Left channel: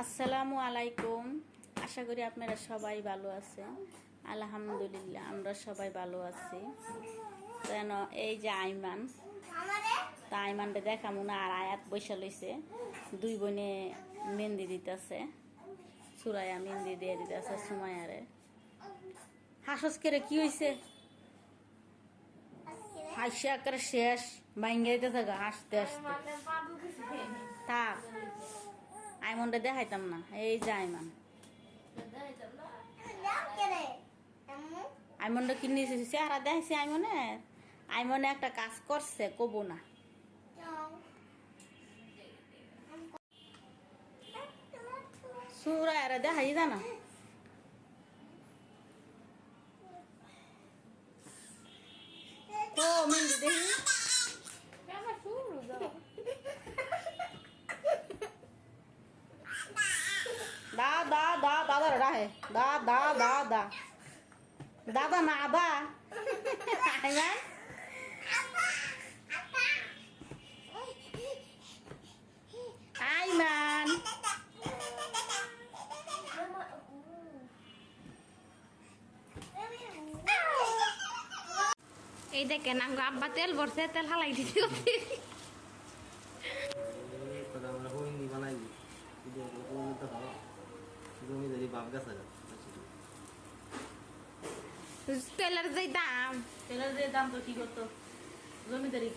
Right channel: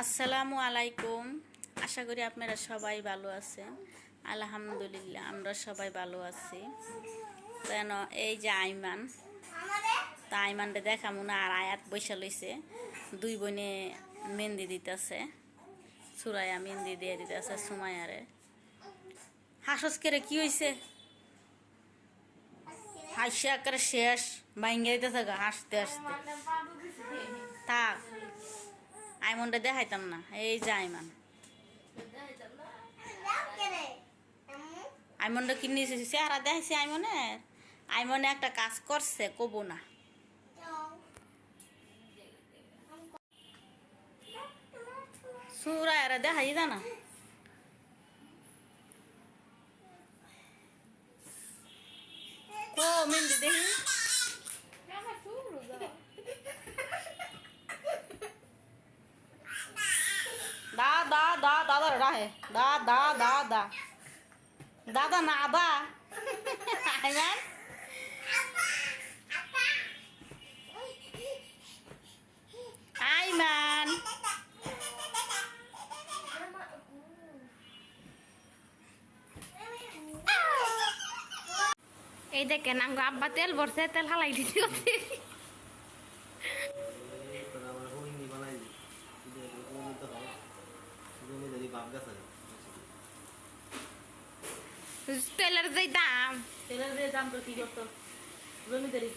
আসসালামু আলাইকুম। আশা করি আপনারা সবাই ভালো আছেন। আলহামদুলিল্লাহ, আমরা সবাই ভালো আছি। কেন, এই যে আইমান, তা আইমানটা দেখামু না আর আয়াত বৈশা লইছে। দুই বোনে মেহেন্দি দিতেছে, সুরাইয়া মেহেন্দি দিয়ে দিতেছে সুমায়ারে হাসস করে কি হয়েছে হাসি আকারে শেষ, ভাঙ্গে দিতেছে হাসতে হাসতে। আইমনটা দেখাইতাম না, এই যে আইমান। আইমনটা কিনে চেহারা দেখাইছে আইমনের। আইমনে একটা কাজ করছে, কব না। সুরা এরা দেখাই জানা ও মেহেন্দি দেখি দা দা দা দাদা রাহে দা দা দা দা দাদা না দা আইমান আইমান এই দেখেন আঙ্গো আব্বা তেল ভরছে তেল হালাই দিতে হচ্ছে এরপরে আমরা হোমিনি বানাই দিই কিন্তু হোমিনি তো ভালো বাপ গাছ তেলের যে দাম। তেলের যে দাম তো কি করতো? জমিদারি।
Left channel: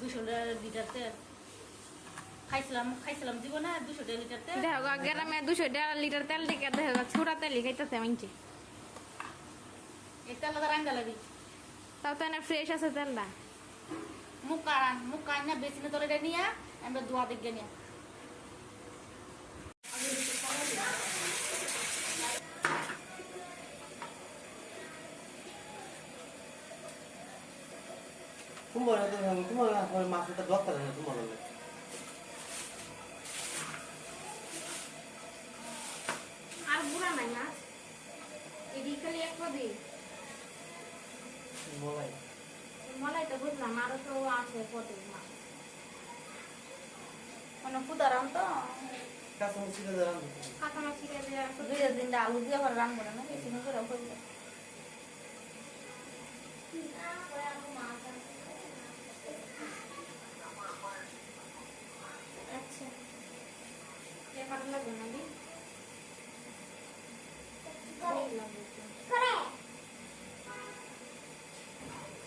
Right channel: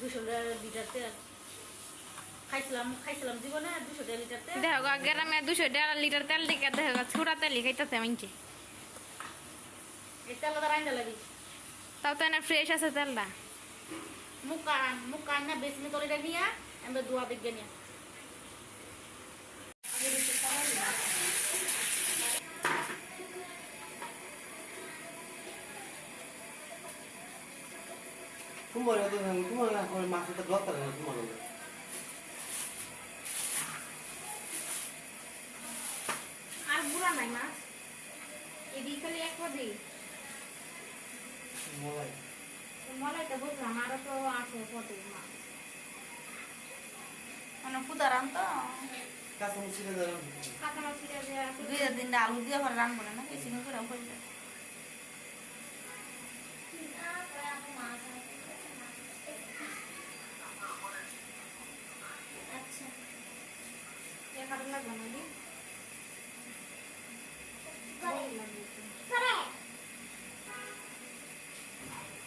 দুশো লিটার তেল। খাইছিলাম খাইছিলাম দিব না দুশো লিটার তেল। দেখো গ্রামে দুশো দেড় লিটার তেল দিকে দেখো গা, ছোড়া তেলই খাইতেছে মানছে তেল তাও তো এনে ফ্রেশ আছে তেলটা। মুখা মুখা না বেশি তোলে নিয়ে আমরা দোয়া দিকে নিয়ে। তোমার তোমার আমার মাছটা ব্লক করে না তোমার আর বুড়া নাই না? এদিকে খালি এক পদে। মলাই। মলাই তো বুঝলাম আরও তো আছে পদে মানে পুদারাম তো? কাছে মুছিয়ে দাঁড়ান কাঁচানো ছিঁড়ে দেওয়া দুই দিন আলু দিয়ে রান্না করে না বেশি করে এখানে লাগবে না দি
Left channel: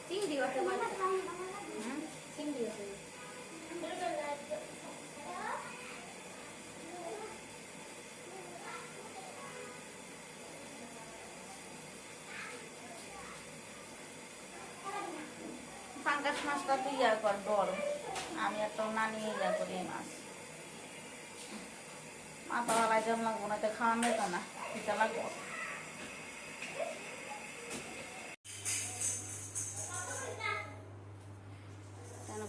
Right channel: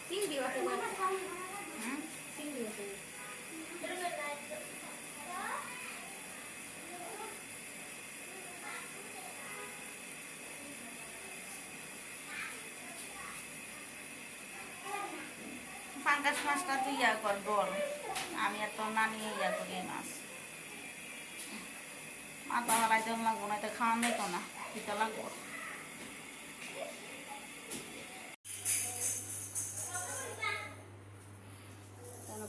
চিংড়ি ওঠে হুম চিংড়ি ওঠে ফাঙ্গাস মাছটা তুই ইয়া কর বড় আমি এত নানি ইয়া করি মাছ মাথা হারাই জল লাগবো না এটা খাওয়া নেই তো না পিঠা লাগবো।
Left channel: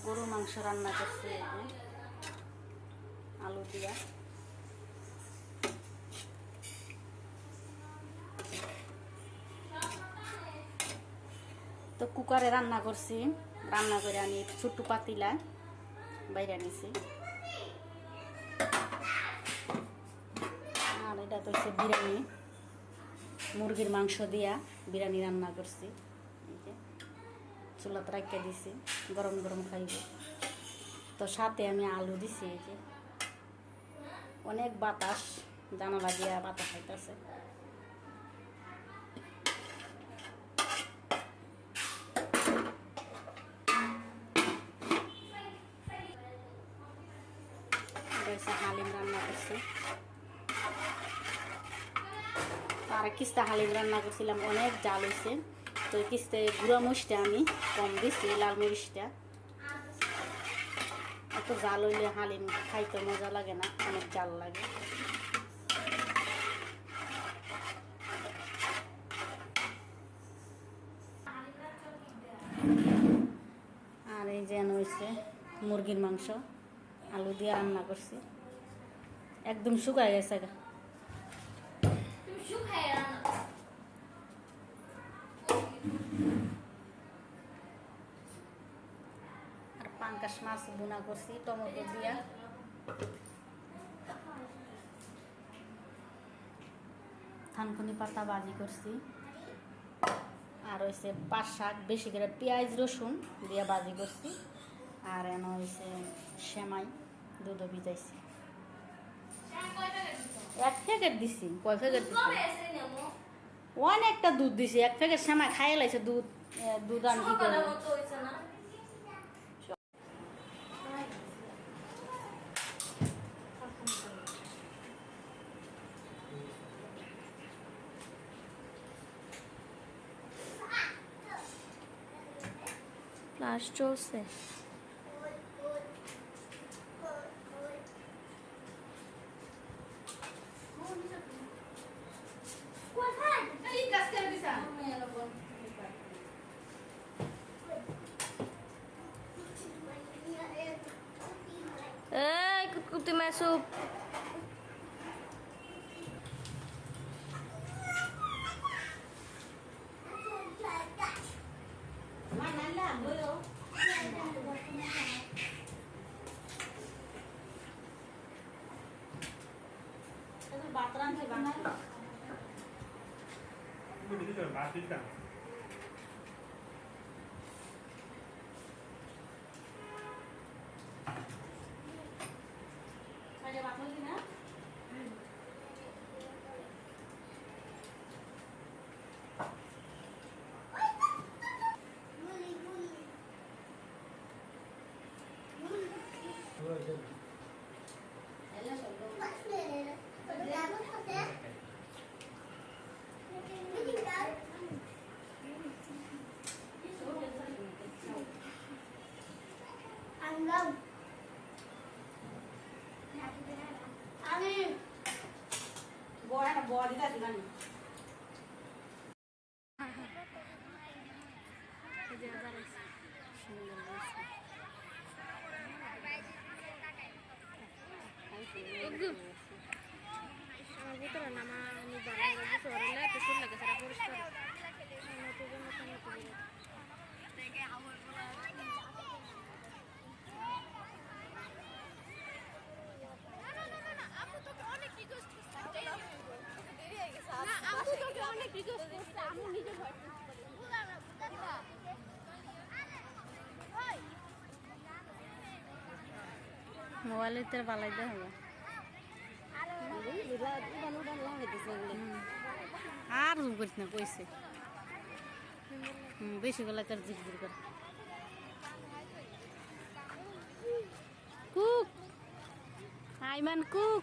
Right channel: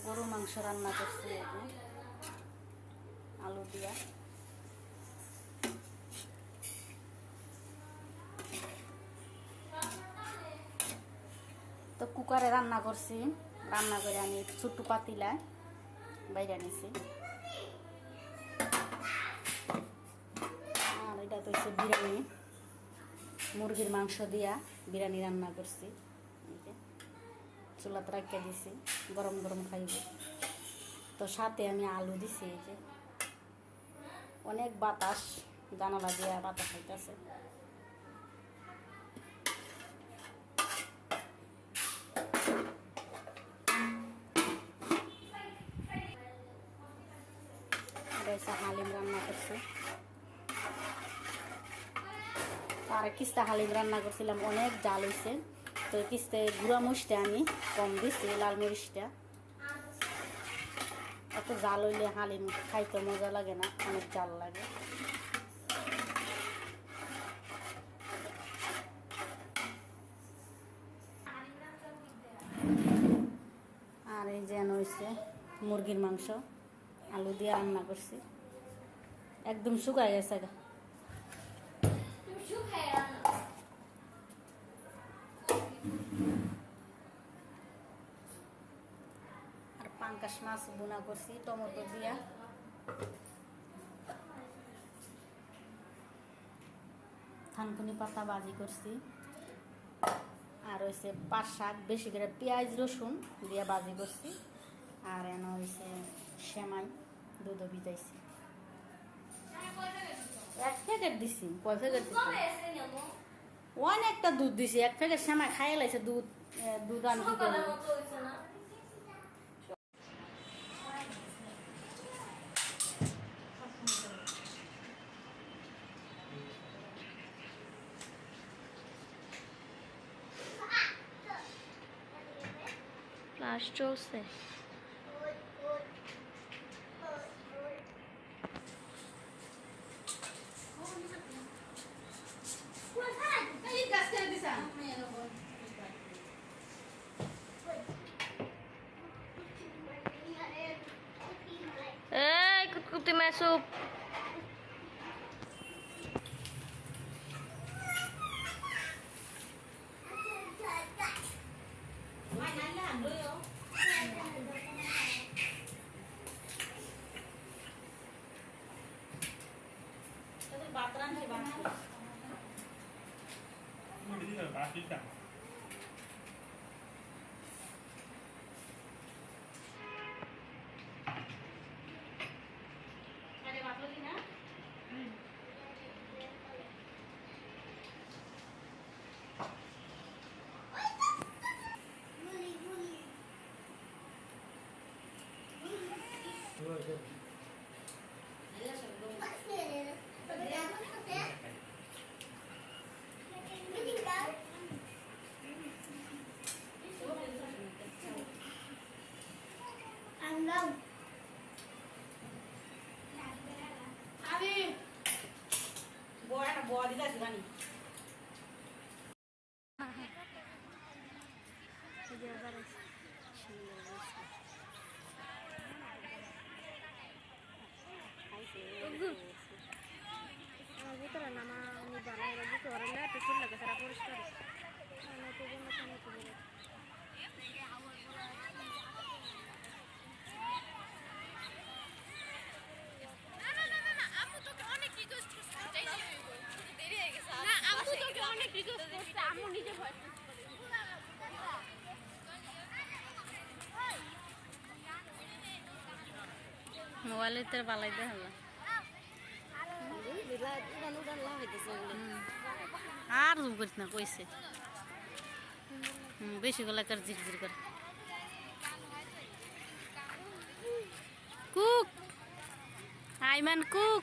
গরু মাংস রান্না করছি আলু দিয়া। তো কুকারে রান্না করছি, রান্না করে আমি ছোট্ট পাতিলা বাইরে আনিছি আর এটা তো হচ্ছে বিরিয়ানি। মুরগির মাংস দিয়া বিরিয়ানি রান্না করছি। এই যে, চুলাতে রাখিয়ে দিছি, গরম গরম খাইব। তো সাথে আমি আলু দিছি, এই যে। অনেক বাতাস, জানালা দিয়া বাতাস খাইতেছে হালিম রান্না করছি। আর কিস্তা হালিম রান্না করছিলাম, অনেক জাল হয়েছে তো কিস্তে গুঁড়া মরিচটা আমি কম দিছি, লাল মরিচটা। এত জাল হইলে হালিম খাইতে মজা লাগে না, অনেক জাল লাগে। আর এই যেন হয়েছে মুরগির মাংস, আলু দিয়ে রান্না করছি। একদম শুকায় গেছে গা আর পাঙ্কাশ মাছ বোনা করছি, টমেটো দিয়া। থানকুনি পাতা বাজি করছি। আর হয়েছে পাঁচ শাক, বেশি করে পেঁয়াজ, রসুন দিয়ে বাজি করছি। আর এন হয়েছে সেমাই, দুধও ভিজাইছি। এক প্যাকেট দিছি, কয় প্যাকেট দিছি? অনেকটা দুধ দিছি, এক প্যাকেট সেমাই খাইয়ে লাইছে দুধ দুধ আমি কি করব ক্লাস চলছে এই কুটকুটি মাসুপ আমি একটা বড় দিতে আসি মোবাইলের তো পালাইতে হবে। আর হুম করিস না, কইছে। হুম, বেশি গলা কর ঝিরঝির করে। কুক। আইমান কুক।